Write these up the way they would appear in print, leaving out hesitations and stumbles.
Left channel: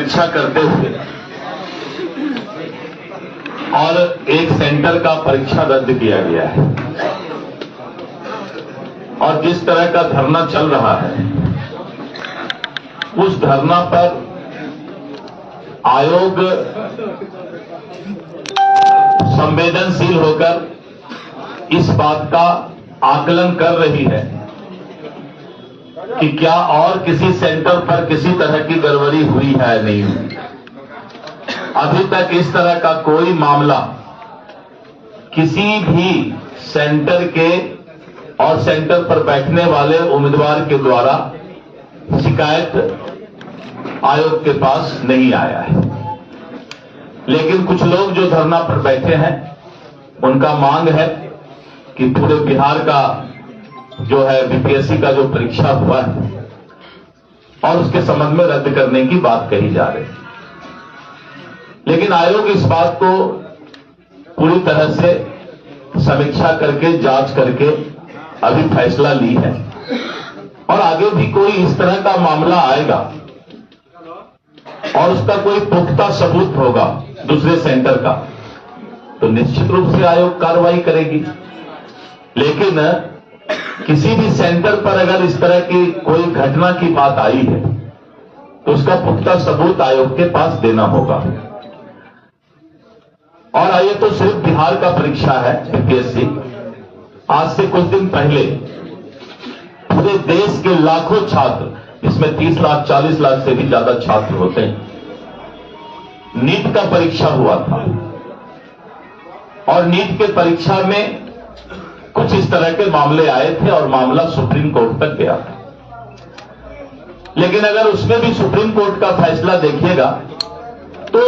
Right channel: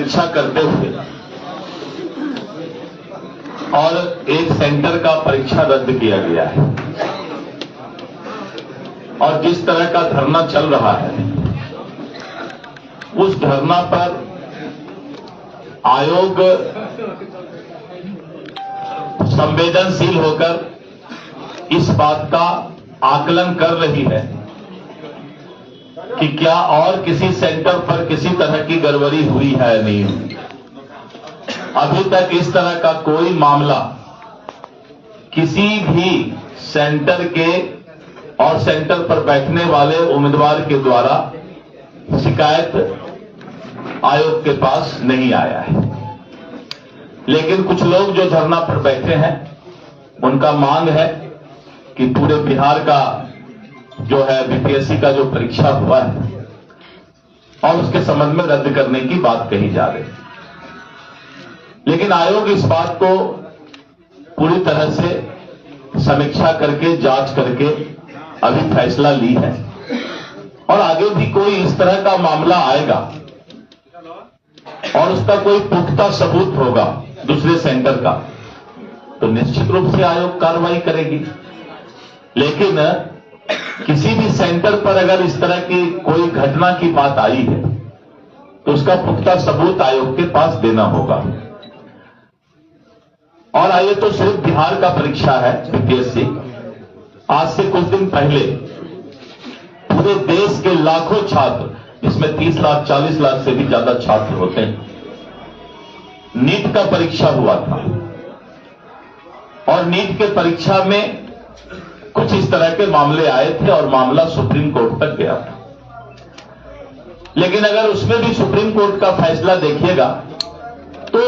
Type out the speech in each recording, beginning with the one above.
समीक्षा करते हुए और एक सेंटर का परीक्षा रद्द किया गया है और जिस तरह का धरना चल रहा है उस धरना पर आयोग संवेदनशील होकर इस बात का आकलन कर रही है कि क्या और किसी सेंटर पर किसी तरह की गड़बड़ी हुई है नहीं। अभी तक इस तरह का कोई मामला किसी भी सेंटर के और सेंटर पर बैठने वाले उम्मीदवार के द्वारा शिकायत आयोग के पास नहीं आया है। लेकिन कुछ लोग जो धरना पर बैठे हैं उनका मांग है कि पूरे बिहार का जो है बीपीएससी का जो परीक्षा हुआ है और उसके संबंध में रद्द करने की बात कही जा रही है। लेकिन आयोग इस बात को पूरी तरह से समीक्षा करके जांच करके अभी फैसला ली है और आगे भी कोई इस तरह का मामला आएगा और उसका कोई पुख्ता सबूत होगा दूसरे सेंटर का तो निश्चित रूप से आयोग कार्रवाई करेगी। लेकिन किसी भी सेंटर पर अगर इस तरह की कोई घटना की बात आई है तो उसका पुख्ता सबूत आयोग के पास देना होगा। और आइए तो सिर्फ बिहार का परीक्षा है बीपीएससी। आज से कुछ दिन पहले पूरे देश के लाखों छात्र, इसमें 30 लाख 40 लाख से भी ज्यादा छात्र होते हैं, नीट का परीक्षा हुआ था और नीट के परीक्षा में कुछ इस तरह के मामले आए थे और मामला सुप्रीम कोर्ट तक गया था। लेकिन अगर उसमें भी सुप्रीम कोर्ट का फैसला देखिएगा तो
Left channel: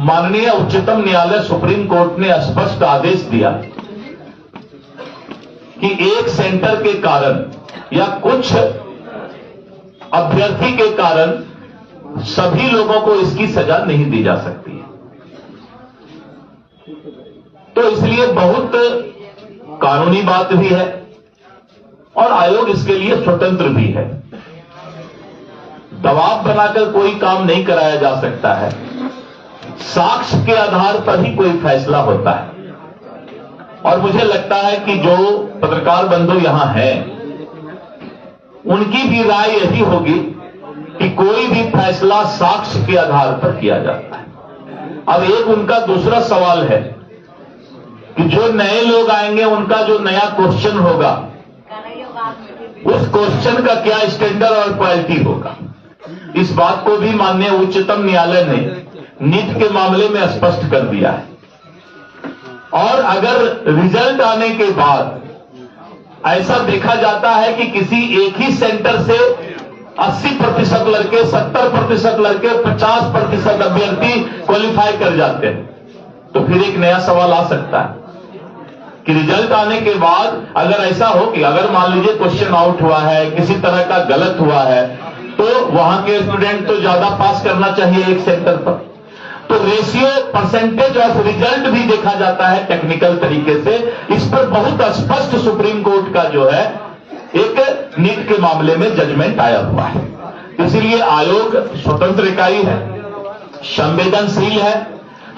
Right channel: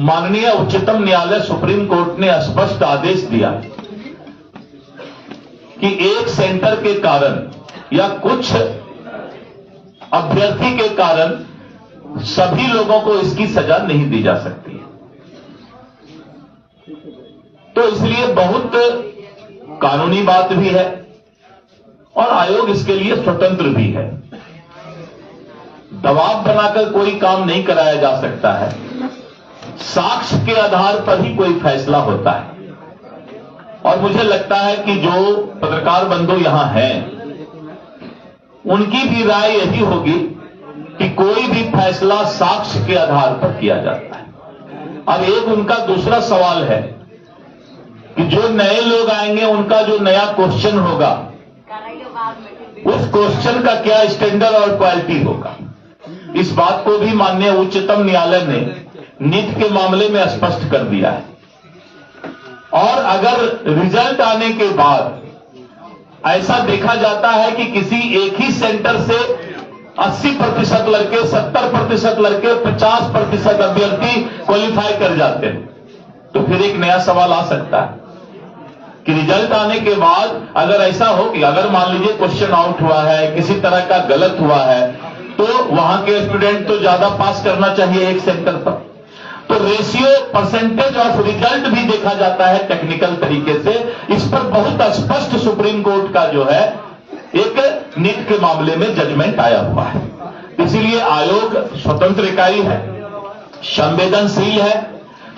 माननीय उच्चतम न्यायालय सुप्रीम कोर्ट ने स्पष्ट आदेश दिया कि एक सेंटर के कारण या कुछ अभ्यर्थी के कारण सभी लोगों को इसकी सजा नहीं दी जा सकती है। तो इसलिए बहुत कानूनी बात भी है और आयोग इसके लिए स्वतंत्र भी है। दबाव बनाकर कोई काम नहीं कराया जा सकता है। साक्ष्य के आधार पर ही कोई फैसला होता है और मुझे लगता है कि जो पत्रकार बंधु यहां हैं उनकी भी राय यही होगी कि कोई भी फैसला साक्ष्य के आधार पर किया जाता है। अब एक उनका दूसरा सवाल है कि जो नए लोग आएंगे उनका जो नया क्वेश्चन होगा उस क्वेश्चन का क्या स्टैंडर्ड और क्वालिटी होगा। इस बात को भी माननीय उच्चतम न्यायालय ने नीट के मामले में स्पष्ट कर दिया है। और अगर रिजल्ट आने के बाद ऐसा देखा जाता है कि किसी एक ही सेंटर से 80% लड़के, 70% लड़के, 50% अभ्यर्थी क्वालिफाई कर जाते हैं तो फिर एक नया सवाल आ सकता है कि रिजल्ट आने के बाद अगर ऐसा हो कि अगर मान लीजिए क्वेश्चन आउट हुआ है, किसी तरह का गलत हुआ है तो वहां के स्टूडेंट तो ज्यादा पास करना चाहिए एक सेंटर पर। तो रेशियो परसेंटेज ऑफ रिजल्ट भी देखा जाता है टेक्निकल तरीके से। इस पर बहुत स्पष्ट सुप्रीम कोर्ट का जो है एक नीट के मामले में जजमेंट आया हुआ है। इसीलिए आयोग स्वतंत्र इकाई है, संवेदनशील है,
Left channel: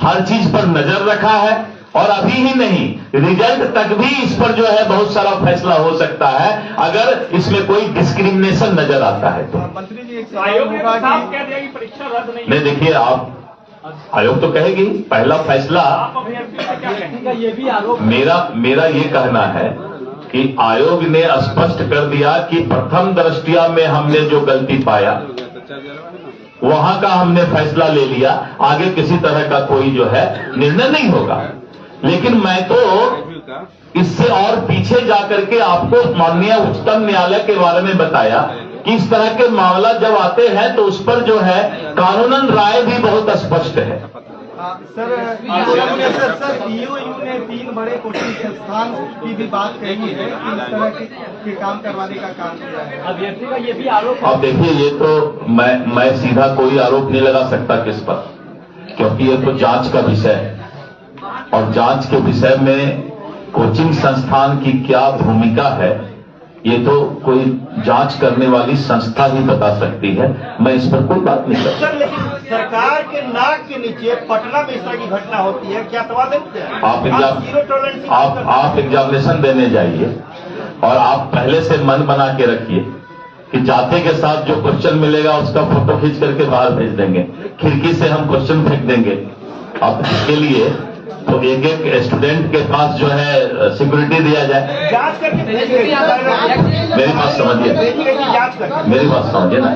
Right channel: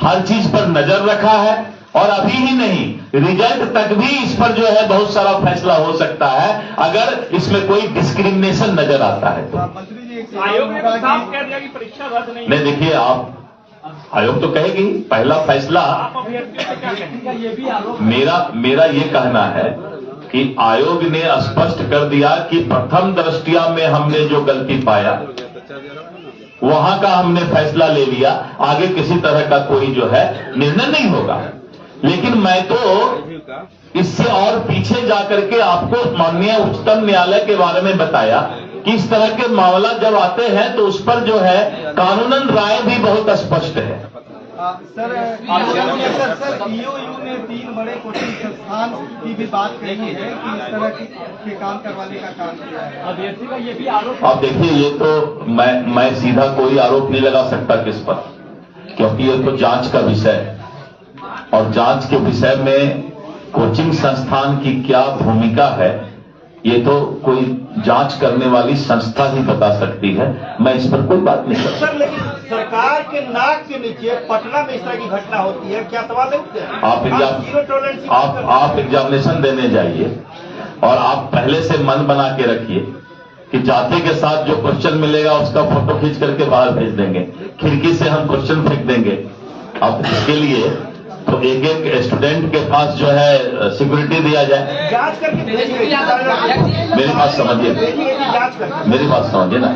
हर चीज पर नजर रखा है और अभी ही नहीं रिजल्ट तक भी इस पर जो है बहुत सारा फैसला हो सकता है अगर इसमें कोई डिस्क्रिमिनेशन नजर आता है तो। मंत्री जी आयोग ने साफ कह दिया कि परीक्षा रद्द नहीं। देखिए आप आयोग तो कहेगी पहला फैसला। मेरा ये कहना है कि आयोग ने स्पष्ट कर दिया कि प्रथम दृष्टया में हमने जो गलती पाया वहां का हमने फैसला ले लिया, आगे किसी तरह का कोई जो है निर्णय नहीं होगा। लेकिन मैं तो इससे और पीछे जाकर के आपको माननीय उच्चतम न्यायालय के बारे में बताया कि इस तरह के मामला जब आते हैं तो उस पर जो है कानूनन राय भी बहुत स्पष्ट है। सर ईओयू ने 3 बड़े कोचिंग संस्थान की भी बात कही है कि इस तरह के काम करवाने का काम किया है। अभ्यर्थी का ये भी आरोप। अब देखिए ये तो मैं सीधा कोई आरोप नहीं लगा सकता किस पर, क्योंकि ये तो जांच का विषय है और जांच के विषय में कोचिंग संस्थान की क्या भूमिका है ये तो कोई जांच करने वाली संस्था ही बता सकती है। मैं इस पर कोई बात नहीं कर सकता। आपके नाक के नीचे पटना में इस तरह की घटना होती है, क्या सवाल नहीं उठते हैं? आप जीरो टॉलरेंस की बात करते हैं। आप एग्जामिनेशन देने जाइए और आप पहले से मन बना के रखिए कि जाते के साथ जो क्वेश्चन मिलेगा उसका फोटो खींच करके बाहर भेज देंगे, खिड़की से हम क्वेश्चन फेंक देंगे। अब इसके लिए तो एक एक स्टूडेंट के पास जो है सिक्योरिटी दिया जाए। जांच करके मेरी बात समझिए, जांच करके मेरी बात समझिए ना,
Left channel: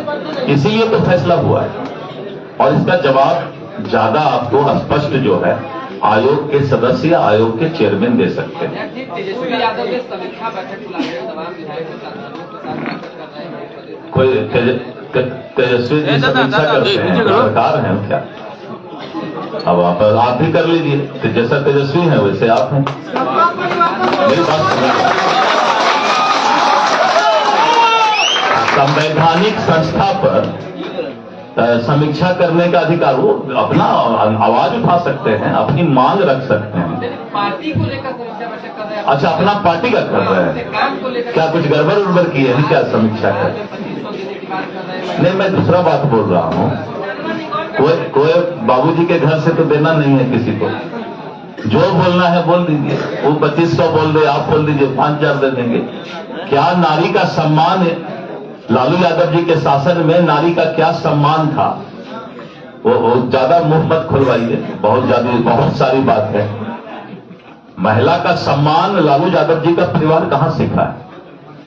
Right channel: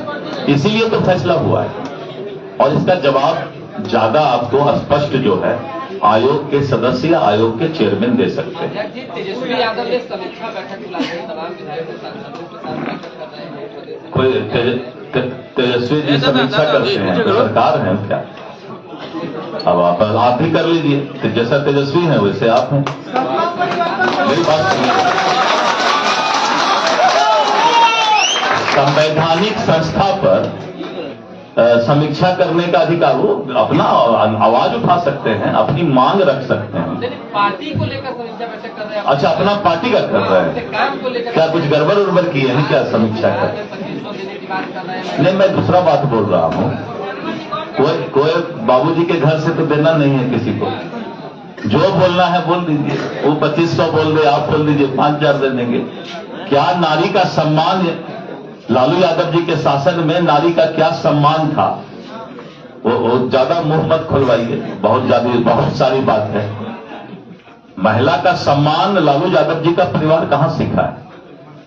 इसीलिए तो फैसला हुआ है और इसका जवाब ज्यादा आपको स्पष्ट जो है आयोग के सदस्य या आयोग के चेयरमैन दे सकते हैं। तेजस्वी यादव ने समीक्षा बैठक बुलाई है, तमाम विधायकों के साथ कोई तेजस्वी जी समीक्षा करते हैं, सरकार है क्या? अब आप ही कर लीजिए, तो जैसा तेजस्वी है वैसे आप हैं। मेरी बात सुनिए, संवैधानिक संस्था पर समीक्षा करने का अधिकार, वो अपना आवाज उठा सकते हैं, अपनी मांग रख सकते हैं। पार्टी को लेकर समीक्षा बैठक कर रहे हैं। अच्छा, अपना पार्टी का कर रहे हैं, काम को लेकर क्या कुछ गड़बड़ उड़बड़ की है क्या समीक्षा कर? 2500 देने की बात कर रहे हैं। नहीं, मैं दूसरा बात बोल रहा हूँ। कोई बाबूजी के घर से तो देना नहीं है किसी को, जो बोलना है बोल दीजिए। वो 2500 बोल दे, आप बोल दीजिए 5000 दे देंगे। क्या नारी का सम्मान, लालू यादव जी के शासन में नारी का क्या सम्मान था? वो ज्यादा मुंह मत खुलवाइए, बहुत सारी बात है। महिला का सम्मान लालू यादव जी का परिवार कहां सीखा है?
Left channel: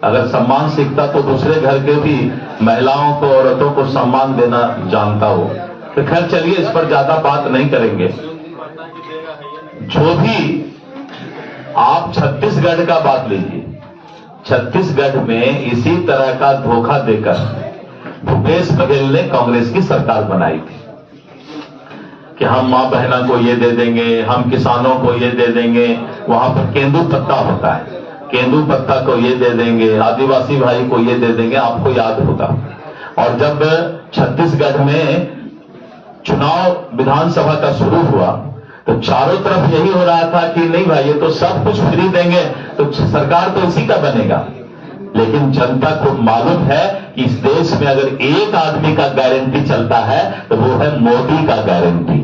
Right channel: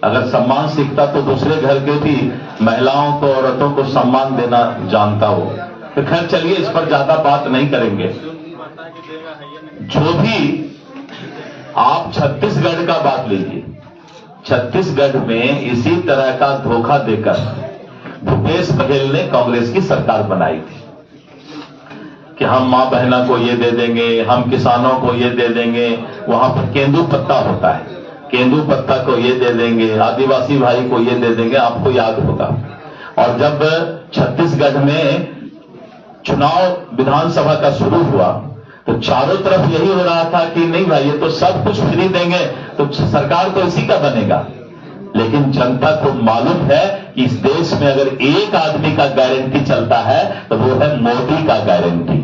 अगर सम्मान सीखता तो दूसरे घर के भी महिलाओं को, औरतों को सम्मान देना जानता हो। तो खैर चलिए, इस पर ज्यादा बात नहीं करेंगे। जो भी आप छत्तीसगढ़ का बात लीजिए, छत्तीसगढ़ में इसी तरह का धोखा देकर भूपेश बघेल ने कांग्रेस की सरकार बनाई थी कि हम मां बहना को ये दे देंगे, हम किसानों को ये दे देंगे। वहां पर केंदू पत्ता होता है, केंदू पत्ता को ये दे देंगे, आदिवासी भाई को ये दे देंगे, आपको याद होगा। और जब छत्तीसगढ़ में चुनाव विधानसभा का शुरू हुआ तो चारों तरफ यही हो रहा था कि नहीं भाई, ये तो सब कुछ फ्री देंगे तो सरकार तो इसी का बनेगा। लेकिन जनता को मालूम है कि इस देश में अगर एक आदमी का गारंटी चलता है तो वो है मोदी का गारंटी।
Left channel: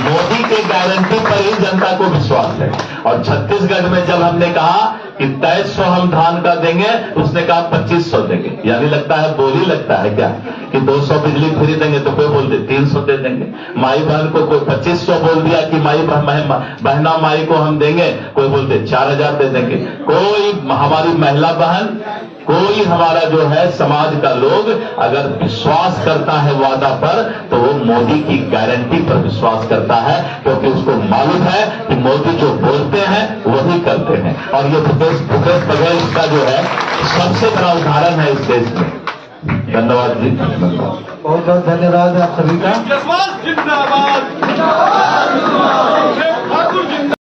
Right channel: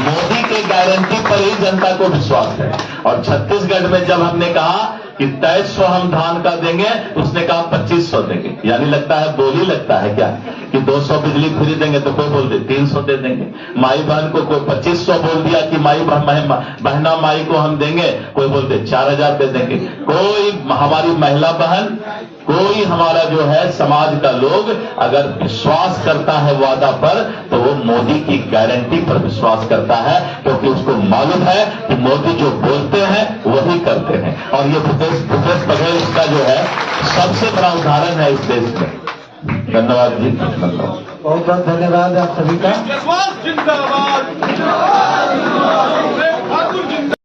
मोदी के गारंटी पर ही जनता को विश्वास है। और छत्तीसगढ़ में जब हमने कहा कि 2300 हम धान का देंगे, उसने कहा 2500 देंगे। यानी लगता है बोली लगता है क्या कि 200 बिजली फ्री देंगे, तो कोई बोल दे 300 दे देंगे। माई बहन को कोई 2500 बोल दिया कि बहना माई को हम देंगे, कोई बोलते 4000 दे देंगे। कोई हमारी महिला बहन, कोई हमारा जो है समाज का लोग अगर विश्वास करता है वादा पर, तो वो मोदी की गारंटी पर विश्वास करता है, क्योंकि उसको मालूम है कि मोदी जो बोलते हैं वही करते हैं। और ये भूपेश बघेल इसका जो है सबसे बड़ा उदाहरण है इस देश में। धन्यवाद जी, धन्यवाद। बहुत बहुत धन्यवाद आप सभी का। जिंदाबाद।